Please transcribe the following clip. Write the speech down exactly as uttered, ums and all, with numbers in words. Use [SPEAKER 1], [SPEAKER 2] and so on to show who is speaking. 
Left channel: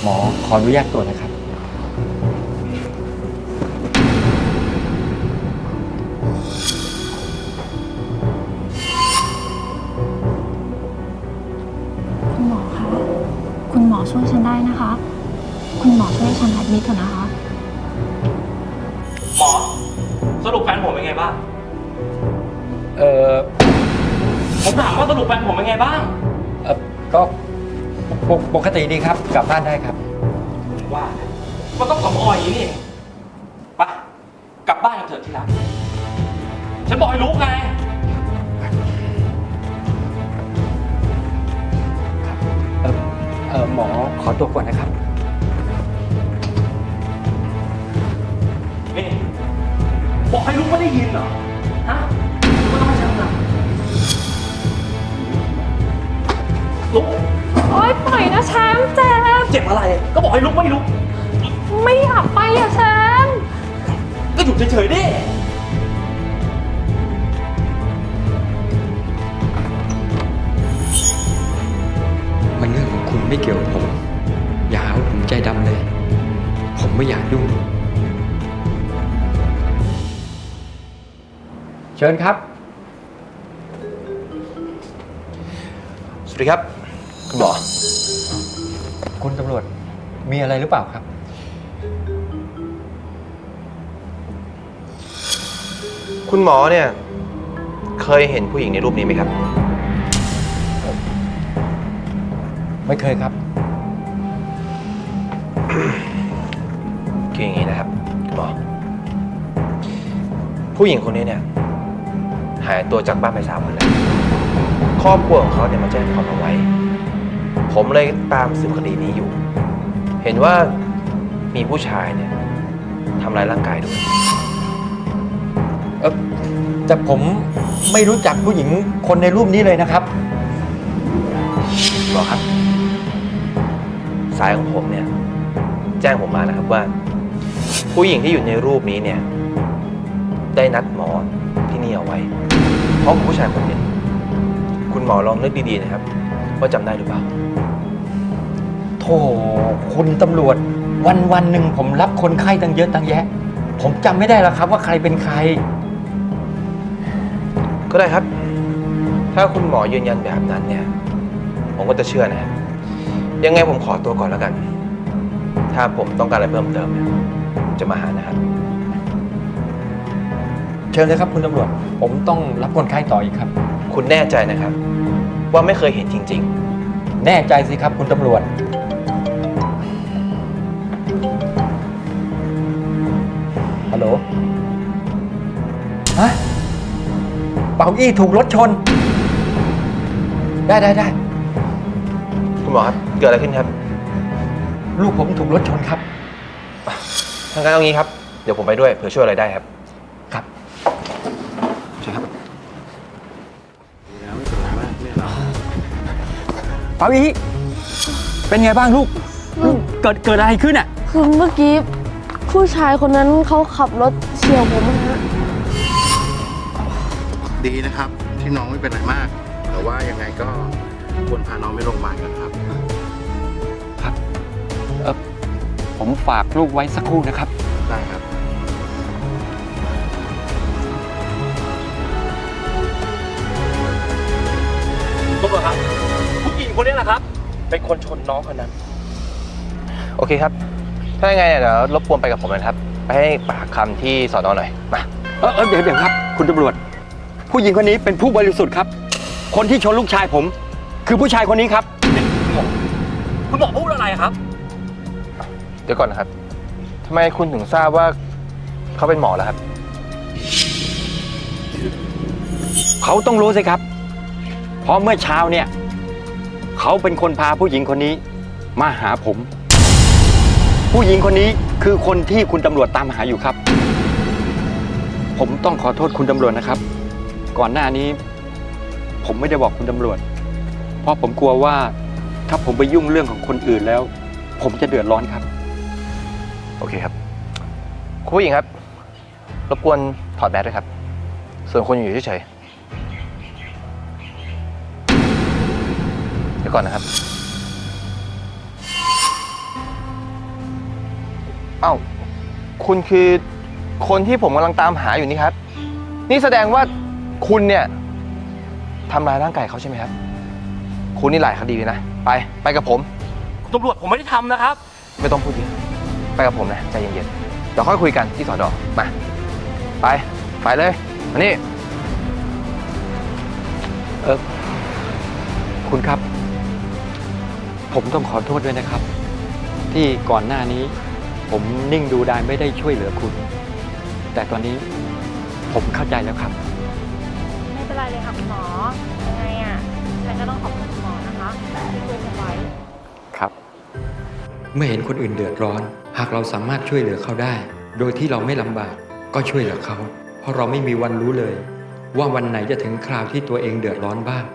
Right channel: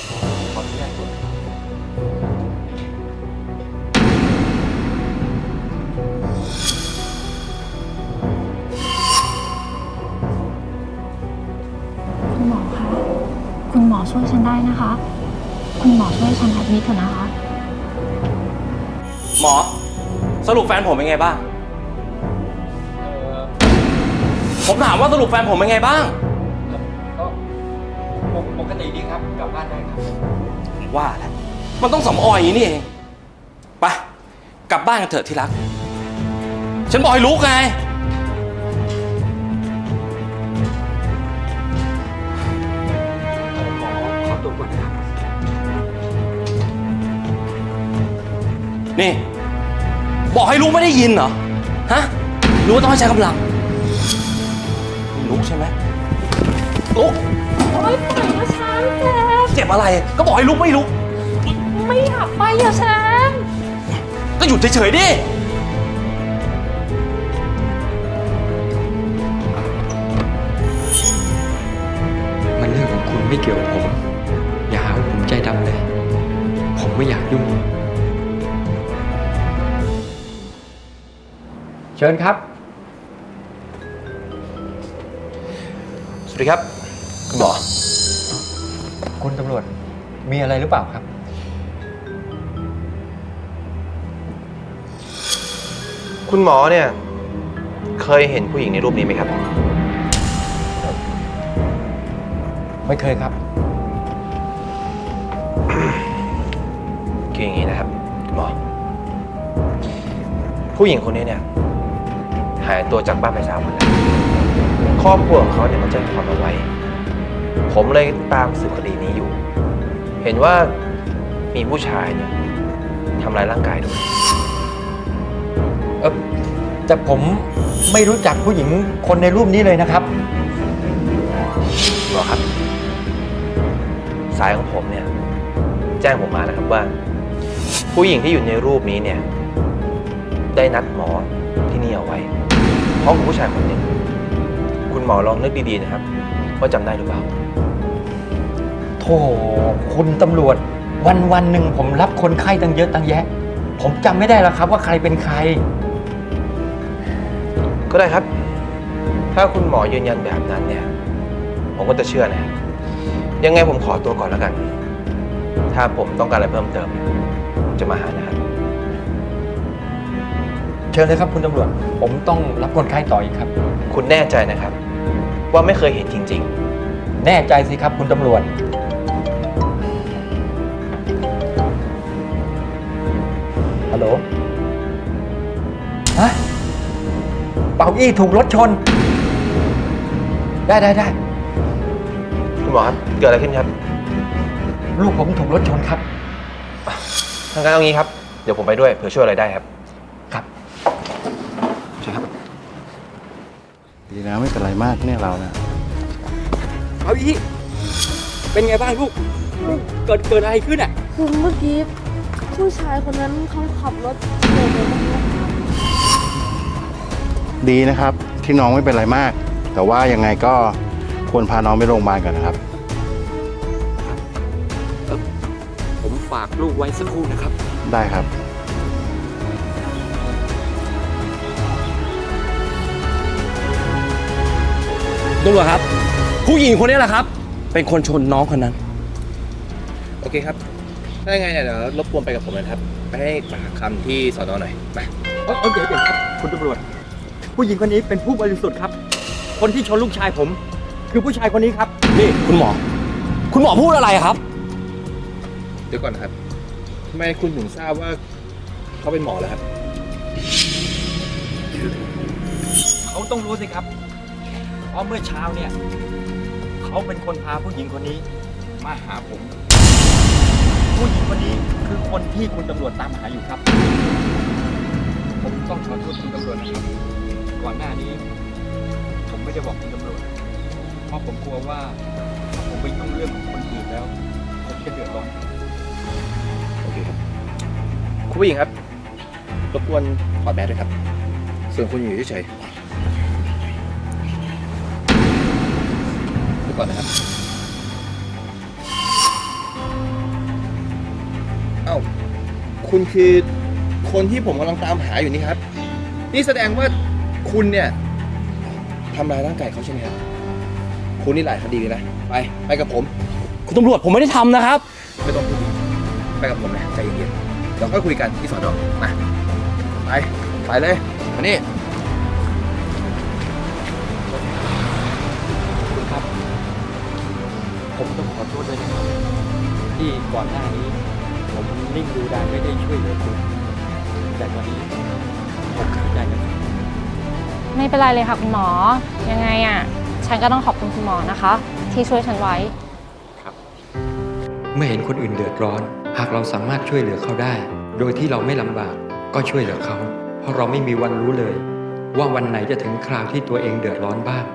[SPEAKER 1] หมอขออนุญาตตรวจนะครับ
[SPEAKER 2] คุณหมอคะ คุณหมอช่วยฉันได้นะคะ คุณหมอช่วยฉันแอดมิทเถอะนะคะ
[SPEAKER 3] หมอสรุปแฟนผมเป็นไงบ้าง
[SPEAKER 1] เออ
[SPEAKER 3] ผมถามว่าสรุปแฟนผมเป็นไงบ้าง
[SPEAKER 1] เออก็ปกปกติดีครับกลับบ้านได้ครับ
[SPEAKER 3] ว่าแล้วมันต้องสำออยอย่างนี้นี่เองไปกลับบ้านกันเถอะที่รัก ฉันบอกให้ลุกไง
[SPEAKER 1] เออหมอขอตัวก่อนนะครับ
[SPEAKER 3] นี่ บอกให้ลุกไม่ได้ยินเหรอ ฮะหรือว่าต้องให้ใช้กำลังลุกใช่ไหมลุก
[SPEAKER 2] โอ๊ยปล่อยนะแชมป์เจ็บ
[SPEAKER 3] เจ็บอะไร แล้วบอกให้ลุกไม่ลุก
[SPEAKER 2] ไม่อยากไปอะแชมป์
[SPEAKER 3] ก็หยุดเฉยๆดิ
[SPEAKER 1] มันเรื่องของคุณไม่เกี่ยวกับผม อย่าหาว่าผมใจดำเลย ผมไม่อยากยุ่ง เชิญครับ
[SPEAKER 4] สวัสดีครับ คุณหมอ
[SPEAKER 1] คุณตำรวจมีอะไรหรือเปล่าครับ
[SPEAKER 4] คุณหมอเนี่ยเคยเห็นผู้หญิงในรูปนี้ไหมครับ
[SPEAKER 1] ไม่เคยครับ
[SPEAKER 4] คืออย่างนี้นะครับคุณหมอ ผู้หญิงคนนี้เนี่ยหายตัวจากบ้านไปสามวันแล้วครอบครัวของเขาเนี่ยมาแจ้งความเอาไว้ ผมเลยตามสืบคดีนี้อยู่ เห็นว่ามีผู้ชายเนี่ยทำร้ายร่างกายด้วย
[SPEAKER 1] เออแต่ผมไม่รู้จักผู้หญิงคนในรูปนี้เลยนะครับ
[SPEAKER 4] หมอครับ สายของผมเนี่ยแจ้งผมมานะครับว่า ผู้หญิงที่อยู่ในรูปนี้เนี่ยได้นัดหมอที่นี่เอาไว้พร้อมกับผู้ชายคนหนึ่งคุณหมอลองนึกดีๆนะครับว่าจำได้หรือเปล่า
[SPEAKER 1] โธ่คุณตำรวจวันวันหนึ่งผมรับคนไข้ตั้งเยอะตั้งแยะ ผมจำไม่ได้แล้วครับว่าใครเป็นใคร
[SPEAKER 4] ก็ได้ครับ ถ้าคุณหมอยืนยันแบบนั้นเนี่ยผมก็จะเชื่อนะครับยังไงผมขอตัวก่อนแล้วกัน ถ้าผมต้องการอะไรเพิ่มเติมเนี่ยผมจะมาหานะครับ
[SPEAKER 1] เชิญเลยครับคุณตำรวจ ผมต้องรับคนไข้ต่ออีกครับ
[SPEAKER 4] คุณแน่ใจนะครับ ว่าไม่เคยเห็นจริง
[SPEAKER 1] แน่ใจสิครับคุณตำรวจ ฮัลโหล ฮะ เป่าอี้ถูกรถชน ได้ได้ได้
[SPEAKER 4] ๆ คุณหมอครับเกิดอะไรขึ้นครับ
[SPEAKER 1] ลูกผมถูกรถชนครับ
[SPEAKER 4] ทางการเอางี้ครับเดี๋ยวผมไปด้วยเผื่อช่วยอะไรได้ครับ
[SPEAKER 1] ครับ
[SPEAKER 4] ใช่ครับ
[SPEAKER 5] ดีนะไม่เป็นไรมากที่เรา
[SPEAKER 3] เปาอีเป็นไงบ้างลูก เกิดเกิดอะไรขึ้นอ่ะ
[SPEAKER 6] คือเมื่อกี้ผู้ชายคนนั้นเขาขับรถเฉียวผมนะ
[SPEAKER 5] ดีนะครับ ที่น้องไม่เป็นไรมาก แต่ว่ายังไงก็ควรพาน้องไปโรงพยาบาลกันครับ
[SPEAKER 1] ผมฝากลูกไว้สักครู่นะครับ
[SPEAKER 5] ได้ครับ
[SPEAKER 3] ตำรวจครับ ผู้หญิงคนนี้แหละครับ เป็นคนชนน้องคนนั้น
[SPEAKER 4] โอเคครับ ถ้าไงเดี๋ยวรบกวนไปกับผมนะครับ ไปให้ปากคำที่สอนอหน่อยมา
[SPEAKER 1] เออเออเดี๋ยวเดี๋ยวครับ คุณตำรวจ ผู้หญิงคนนี้เป็นผู้บริสุทธิ์ครับ คนที่ชนลูกชายผม คือผู้ชายคนนี้ครับ
[SPEAKER 3] นี่คุณหมอ คุณหมอพูดอะไรครับ
[SPEAKER 4] เดี๋ยวก่อนนะครับทำไมคุณถึงทราบว่าเขาเป็นหมอล่ะครับ
[SPEAKER 1] เขาต้องรู้สิครับ เพราะเมื่อเช้าเนี่ย เขาเป็นคนพาผู้หญิงคนนี้มาหาผม ผู้หญิงคนนี้คือคนที่คุณตำรวจตามหาอยู่ครับ ผมต้องขอโทษคุณตำรวจนะครับ ก่อนหน้านี้ ผมไม่ได้บอกคุณตำรวจ เพราะผมกลัวว่าถ้าผมไปยุ่งเรื่องของคนอื่นแล้ว ผมจะเดือดร้อนครับ
[SPEAKER 4] โอเคครับคุณผู้หญิงครับ รบกวนถอดแมสด้วยครับ ส่วนคุณอยู่เฉยๆเดี๋ยวก่อนนะครับเอ้า คุณคือคนที่ผมกำลังตามหาอยู่นี่ครับ นี่แสดงว่าคุณเนี่ยทำร้ายร่างกายเขาใช่ไหมครับ คุณนี่หลายคดีเลยนะ ไป ไปกับผม
[SPEAKER 3] ตำรวจผมไม่ได้ทำนะครับ
[SPEAKER 4] ไม่ต้องพูดเยอะไปกับผมนะ ใจเย็นๆเดี๋ยวค่อยคุยกันที่สอนอมา ไป ไปเลยมานี่
[SPEAKER 1] เออคุณครับ ผมต้องขอโทษด้วยนะครับ ที่ก่อนหน้านี้ ผมนิ่งดูดายไม่ได้ช่วยเหลือคุณ แต่ตอนนี้ผมเข้าใจแล้วครับ
[SPEAKER 2] ไม่เป็นไรเลยค่ะคุณหมอ ยังไงอ่ะ ฉันก็ต้องขอบคุณคุณหมอนะคะ ที่ช่วยฉันไว้
[SPEAKER 1] ครับ เมื่อเห็นคนอื่นเดือดร้อน หากเราสามารถช่วยเหลือเขาได้ โดยที่เราไม่ลำบากก็ช่วยเหลือเขา เพราะเราไม่มีวันรู้เลย ว่าวันไหนจะถึงคราวที่ตัวเองเดือดร้อนบ้าง